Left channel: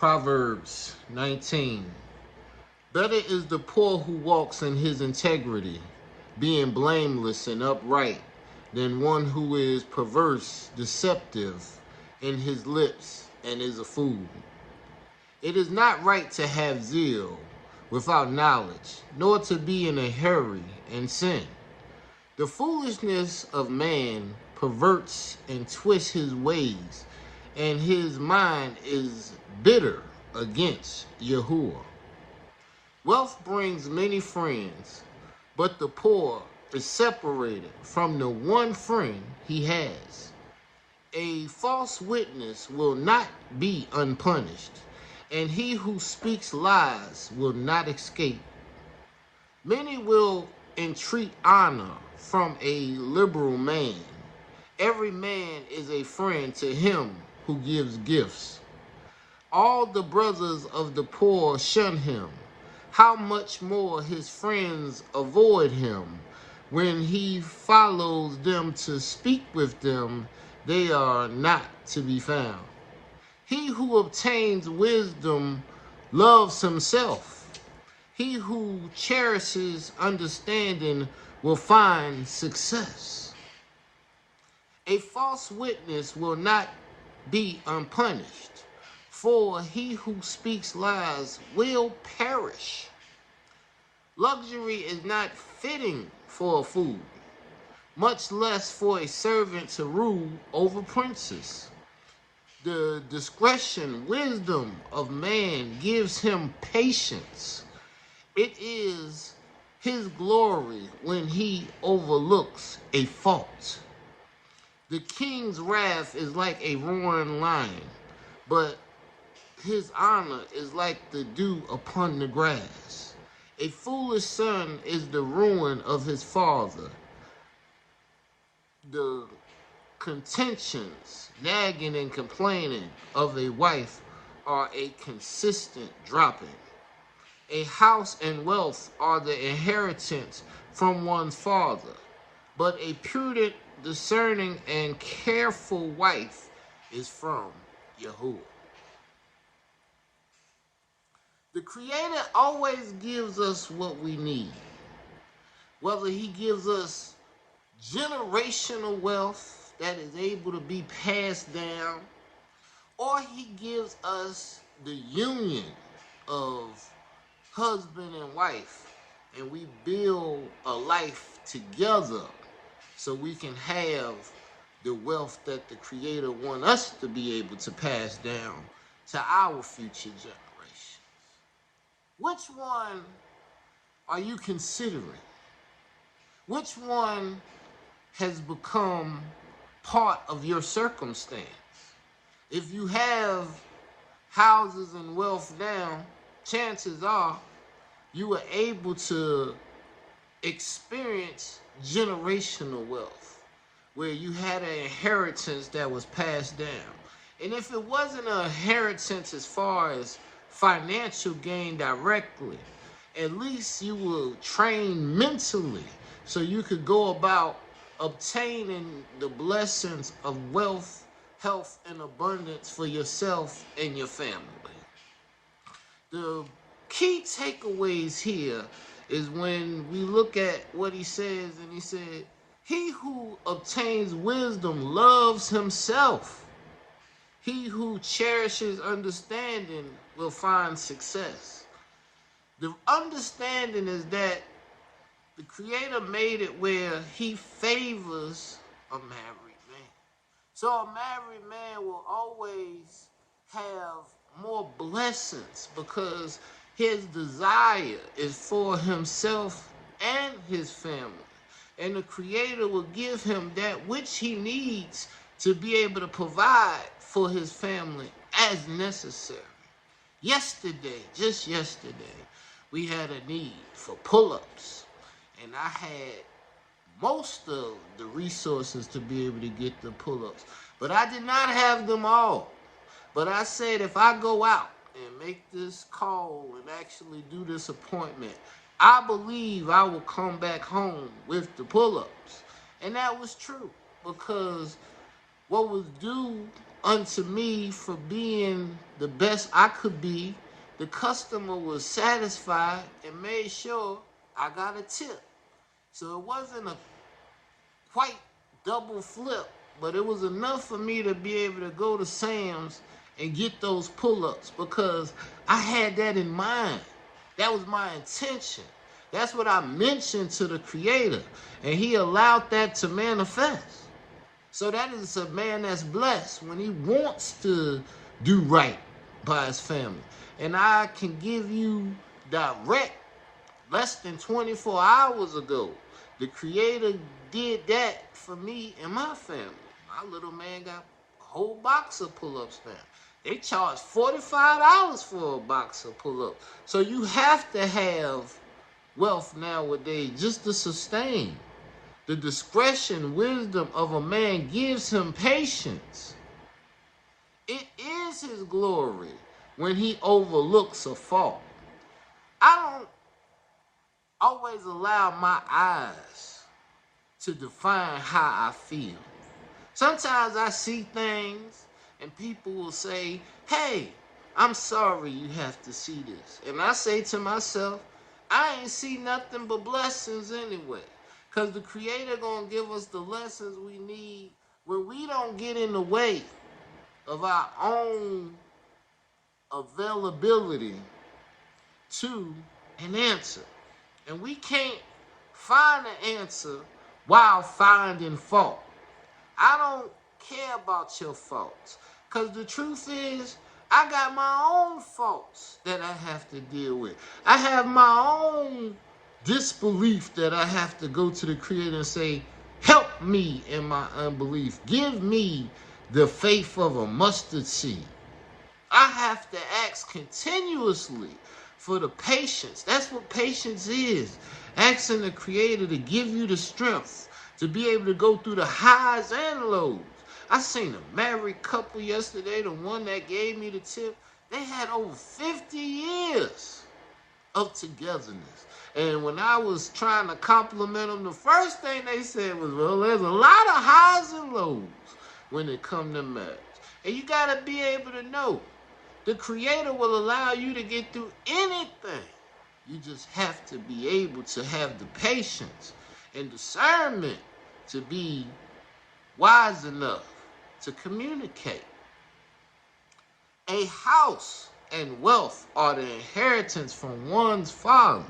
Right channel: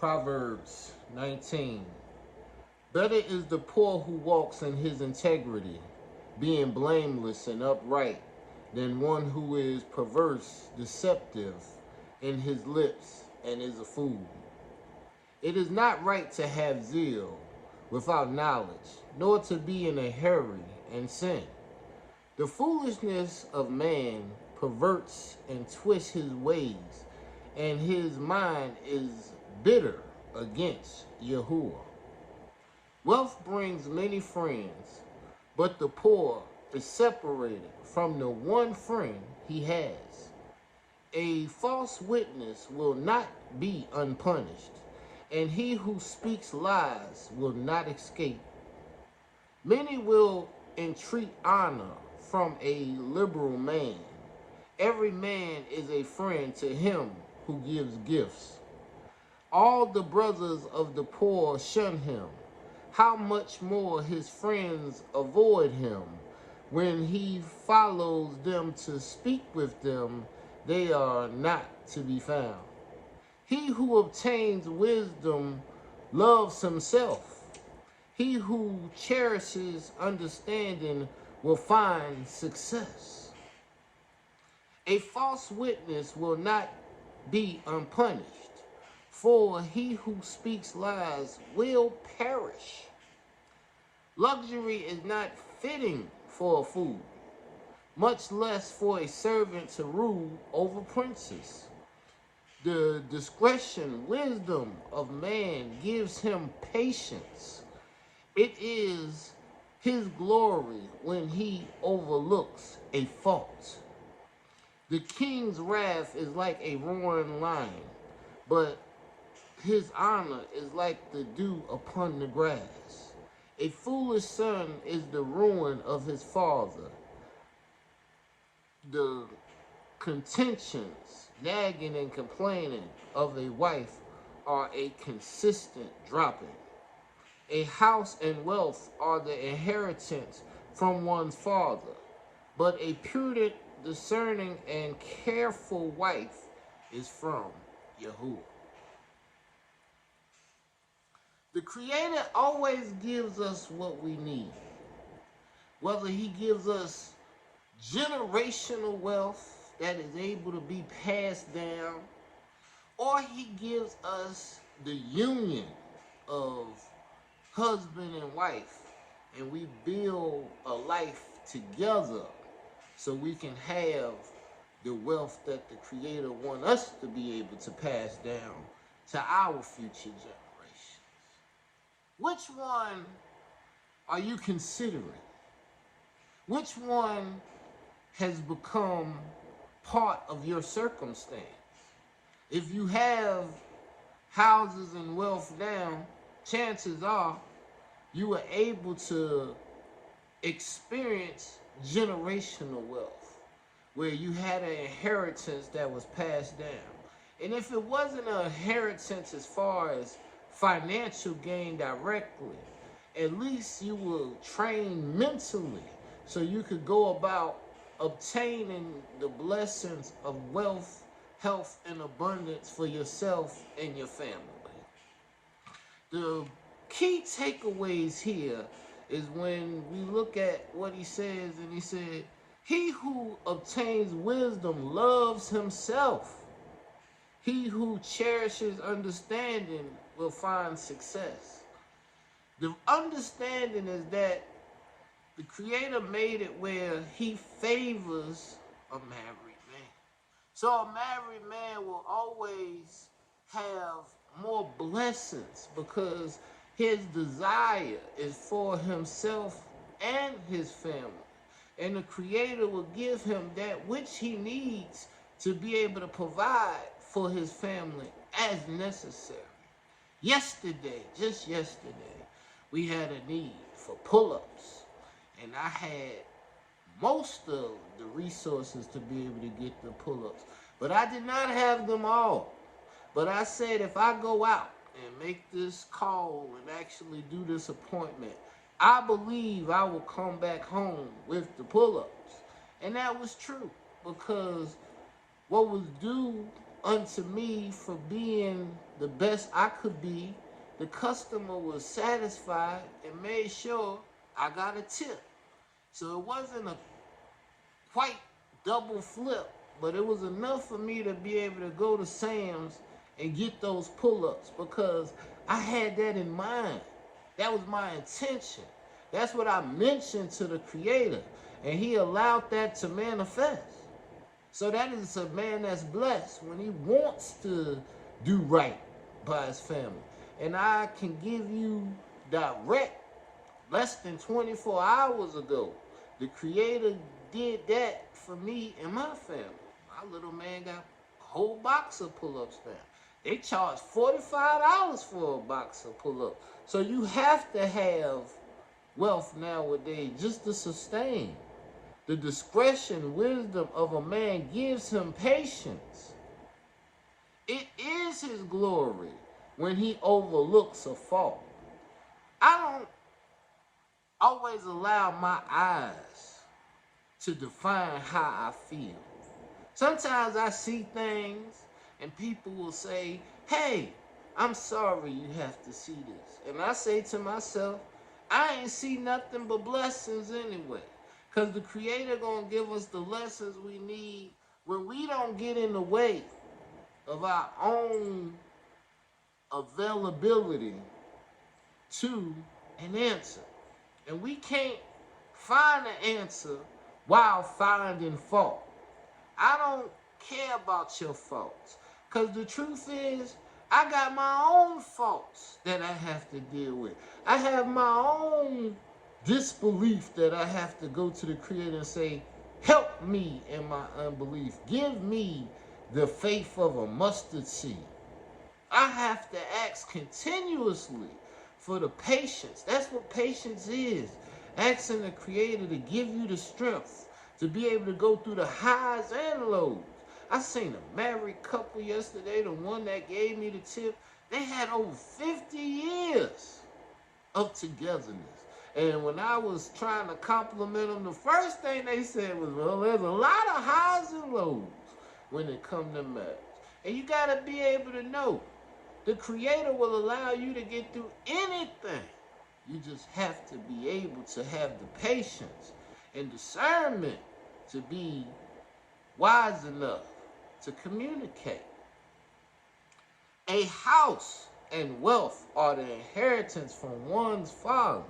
Proverbs 19. Better is the poor who walks in his integrity, being blameless and upright, than one who is perverse, deceptive in his lips, and is a fool. It is not right to have zeal without knowledge, nor to be in a hurry and sin. The foolishness of man perverts and twists his ways, and his mind is bitter against Yahuwah. Wealth brings many friends, but the poor is separated from the one friend he has. A false witness will not be unpunished, and he who speaks lies will not escape. Many will entreat honor from a liberal man. Every man is a friend to him who gives gifts. All the brothers of the poor shun him. How much more his friends avoid him? When he follows them to speak with them, they are not to be found. He who obtains wisdom loves himself. He who cherishes understanding will find success. A false witness will not be unpunished, for he who speaks lies will perish. Luxury is not fitting for a fool, much less for a servant to rule over princes. The wisdom of man gives him patience. It is his glory when he overlooks a fault. The king's wrath is like a roaring lion, but his honor is like the dew upon the grass. A foolish son is the ruin of his father. The contentions, nagging and complaining of a wife are a consistent dropping. A house and wealth are the inheritance from one's father, but a prudent, discerning, and careful wife is from Yahuwah. The Creator always gives us what we need. Whether he gives us generational wealth that is able to be passed down, or he gives us the union of husband and wife, and we build a life together so we can have the wealth that the Creator wants us to be able to pass down to our future generations. Which one are you considering? Which one has become part of your circumstance? If you have houses and wealth now, chances are you are able to experience generational wealth, where you had an inheritance that was passed down. And if it wasn't an inheritance as far as financial gain directly, at least you were trained mentally so you could go about obtaining the blessings of wealth, health, and abundance for yourself and your family. The key takeaways here is when we look at what he says, and he said, he who obtains wisdom loves himself. He who cherishes understanding will find success. The understanding is that the Creator made it where he favors a married man. So a married man will always have more blessings because his desire is for himself and his family. And the Creator will give him that which he needs to be able to provide for his family as necessary. Just yesterday, we had a need for pull-ups, and I had most of the resources to be able to get the pull-ups, but I did not have them all. But I said, if I go out and make this call and actually do this appointment, I believe I will come back home with the pull-ups. And that was true, because what was due unto me for being the best I could be. The customer was satisfied and made sure I got a tip. So it wasn't a quite double flip, but it was enough for me to be able to go to Sam's and get those pull-ups because I had that in mind. That was my intention. That's what I mentioned to the Creator, and He allowed that to manifest. So that is a man that's blessed when he wants to do right by his family. And I can give you direct, less than 24 hours ago, the Creator did that for me and my family. My little man got a whole box of pull-ups now. They charge $45 for a box of pull-ups. So you have to have wealth nowadays just to sustain. The discretion, wisdom of a man gives him patience. It is his glory when he overlooks a fault. I don't always allow my eyes to define how I feel. Sometimes I see things and people will say, hey, I'm sorry you have to see this. And I say to myself, I ain't see nothing but blessings anyway. Because the Creator gonna give us the lessons we need when we don't get in the way of our own availability to an answer. And we can't find an answer while finding fault. I don't care about your faults. Because the truth is, I got my own faults that I have to deal with. I have my own disbelief that I have to go to the Creator and say, help me in my unbelief. Give me the faith of a mustard seed. I have to ask continuously for the patience. That's what patience is. Asking the Creator to give you the strength to be able to go through the highs and lows. I seen a married couple yesterday, the one that gave me the tip. They had over 50 years of togetherness. And when I was trying to compliment them, the first thing they said was, well, there's a lot of highs and lows when it comes to marriage. And you got to be able to know the Creator will allow you to get through anything. You just have to be able to have the patience and discernment to be wise enough to communicate. A house and wealth are the inheritance from one's father,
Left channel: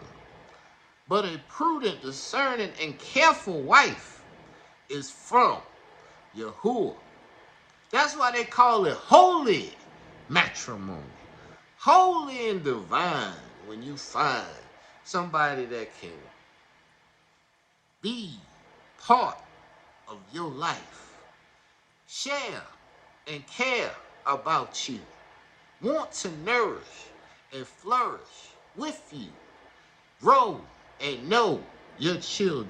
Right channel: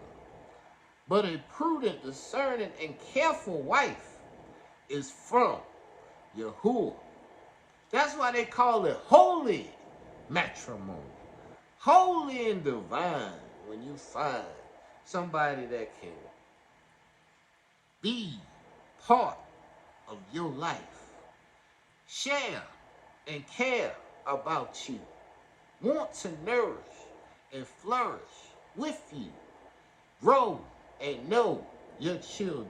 but a prudent, discerning, and careful wife is from Yahuwah. That's why they call it holy matrimony. Holy and divine when you find somebody that can be part of your life, share and care about you, want to nourish and flourish with you, grow and know your children,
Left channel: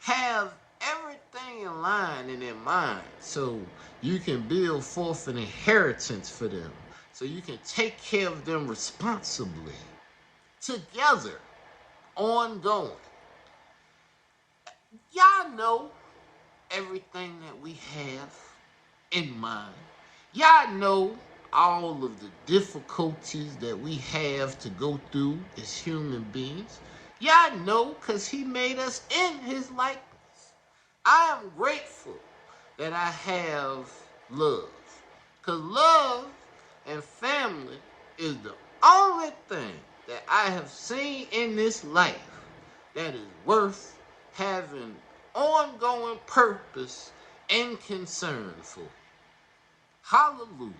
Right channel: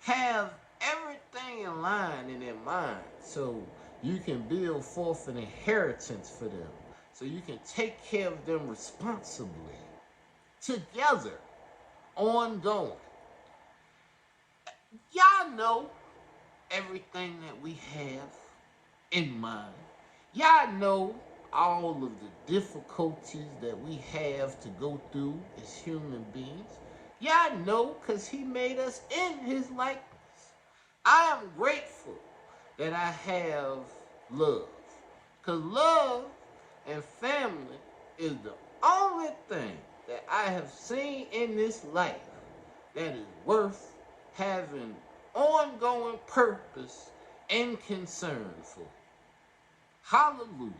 have everything in line and in mind so you can build forth an inheritance for them, so you can take care of them responsibly, together, ongoing. Y'all know everything that we have in mind. Y'all know all of the difficulties that we have to go through as human beings. Y'all know because He made us in His likeness. I am grateful that I have love. Because love and family is the only thing that I have seen in this life that is worth having ongoing purpose and concern for. Hallelujah.